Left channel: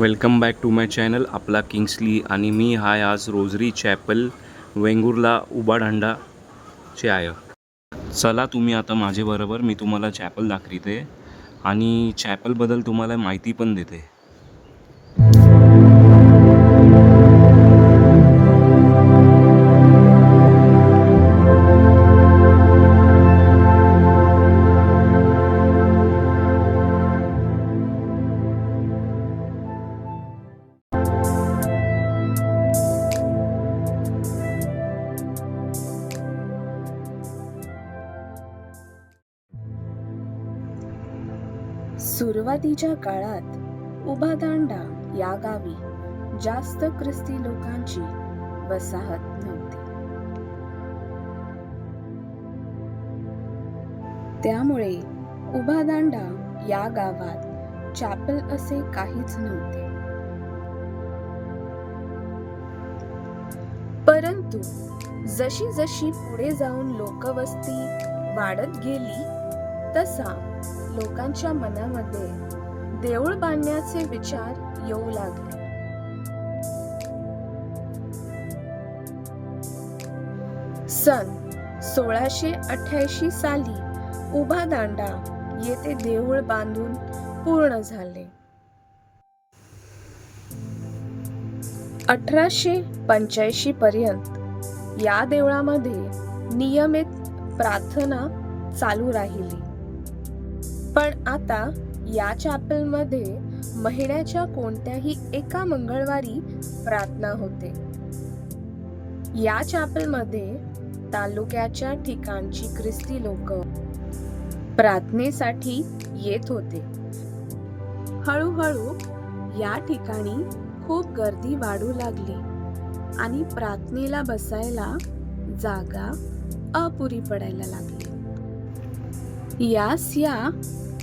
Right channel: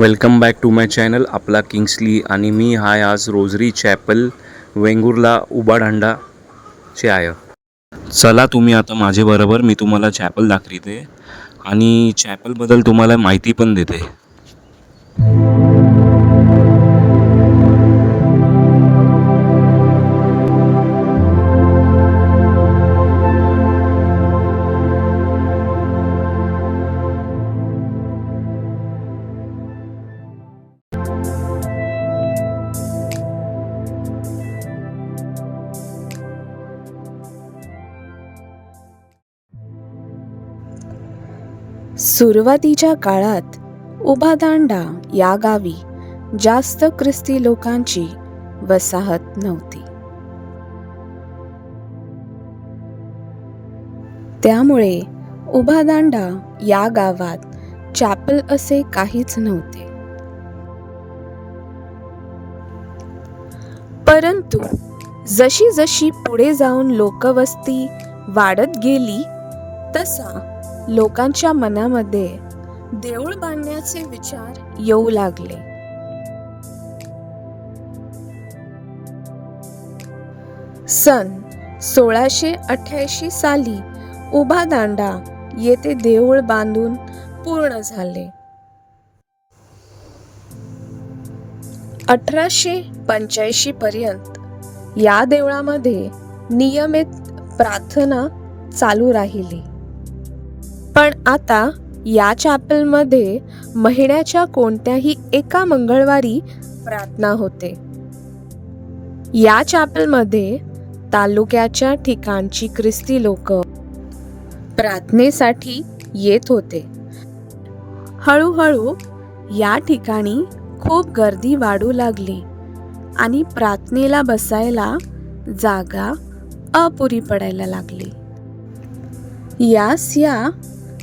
Welcome back to my channel आपला Kingsley आणि मी हाय आज रोजरी चॅपल वेंगुर्ला उबाडांडाचे आहे. चला तुम्ही आता माझ्याबरोबर मी तुम्हाला चॅपल दाखवते आणि चॅपलबद्दल तुम्हाला माहिती पण देते. सुरुवातीच्या काळात उबादांडा या गावी जास्त ख्रिस्ती लोकांची वसाहत नव्हती. त्यामुळे उबादांडा या गावात चॅपल असे काहीच नव्हते. परंतु जशी जशी पुढे जाऊन लोकवस्ती वाढत गेली तसा लोकांच्या मनामध्ये देऊळ बांधण्याचे विचार येऊ लागले. सन 1688 साली उबादांडा येथे देऊळ बांधून पूर्ण झाले. 1885 पर्यंत या देवळामध्ये नियमित प्रार्थना चालू राहिली. पण आता या चॅपलमध्ये महिन्याच्या कोणत्याही एका मंगळवारी प्रार्थना होते. या चॅपलमध्ये तालुक्याच्या ठिकाणची ख्रिस्ती लोक प्रार्थनेसाठी येत होते. हळूहळू या ठिकाणी खूप गर्दी वाढू लागली आणि प्रार्थनेला बसायला जागा अपुरी पडायला लागली. या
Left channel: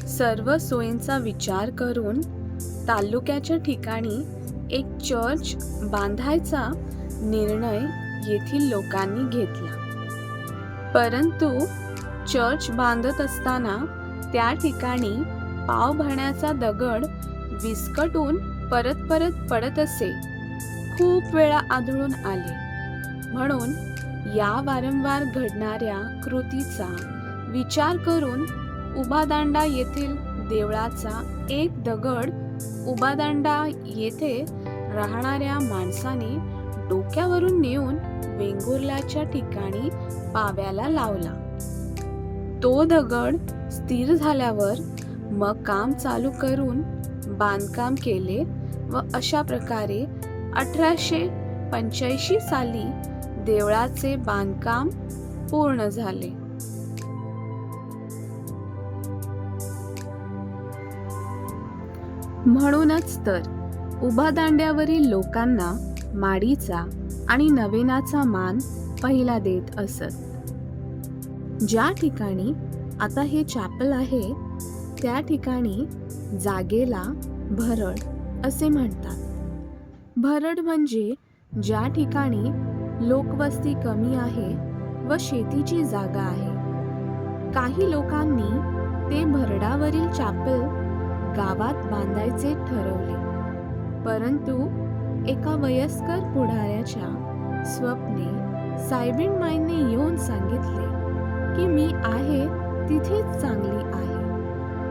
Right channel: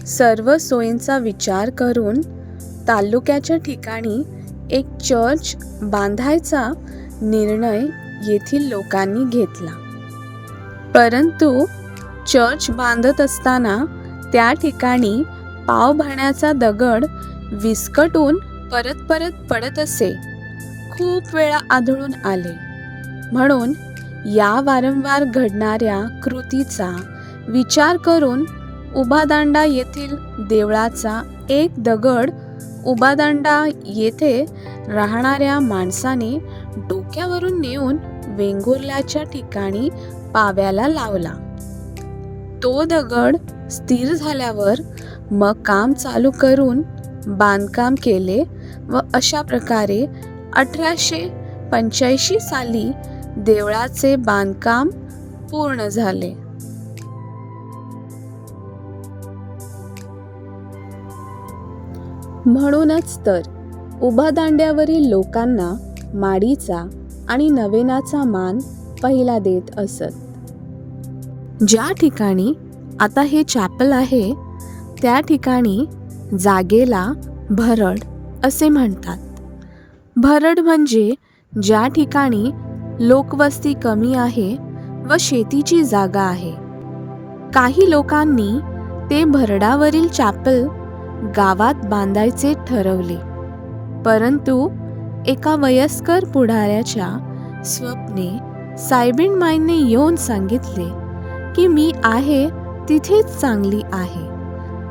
सर्व सोयींचा विचार करून तालुक्याच्या ठिकाणी एक चर्च बांधायचा निर्णय येथील लोकांनी घेतला. परंतु चर्च बांधत असताना त्या ठिकाणी पाव भरण्याचा दगड विस्कटून परत पडत असे खूप वेळा आढळून आले. म्हणून या वारंवार घडणाऱ्या कृतीचा विचार करून उबादांडा येथील देवळाचा एक दगड उबादांडा येथे राहणाऱ्या माणसाने डोक्यावरून नेऊन वेंगुर्ल्याच्या ठिकाणी पाव्याला लावला. तो दगड स्थिर झाल्यावर मग काम चालू करून बांधकाम केले व अशा प्रकारे 1885 साली देवळाचे बांधकाम पूर्ण झाले. म्हणूनच तर उबादांड्यावरील लोकांना माडीचा आणि नवेनाचा मान पहिला देत असत. ज्या ठिकाणी आता हे चॅपल आहे त्या ठिकाणी जागेला भरड असे म्हणतात. भरड म्हणजे ज्या ठिकाणी लोकवस्ती कमी आहे व शेतीची जागा आहे. काही लोकांनी ते भरडावरील चॅपल गावात बांधायचे ठरवले. परंतु एका वयस्कर पुढाऱ्याच्या स्वप्ने साहेबीणमाईंनी येऊन सांगितले की मी आहे तिथेच चांगली आहे,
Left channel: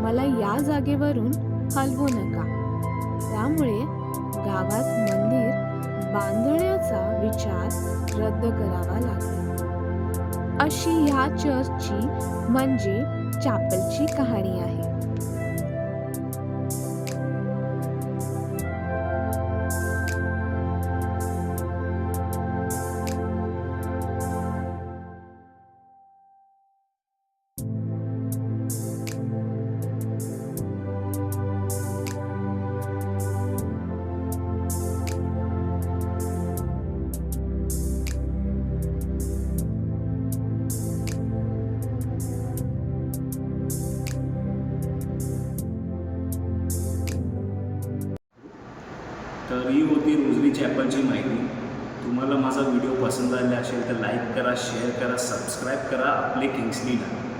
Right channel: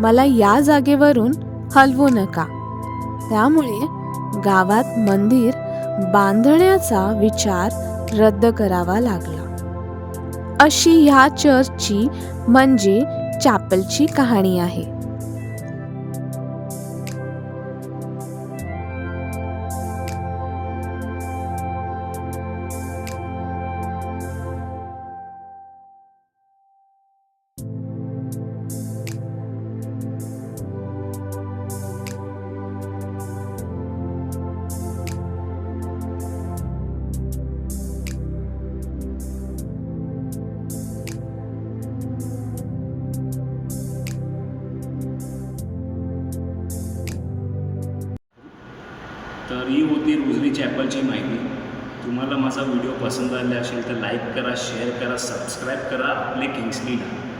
मला या जागेवरून हलवू नका. त्यामुळे गावात मंदिर बांधण्याचा विचार रद्द करावा लागला. अशी ह्या चर्चची म्हणजे चॅपलची कहाणी आहे. तर ही होती रोजरी चॅपलची माहिती. तुम्हाला माझा व्हिडिओ पसंत आला असेल तर लाईक करा, शेअर करा, सबस्क्राईब करा आपले किंग्सलीला.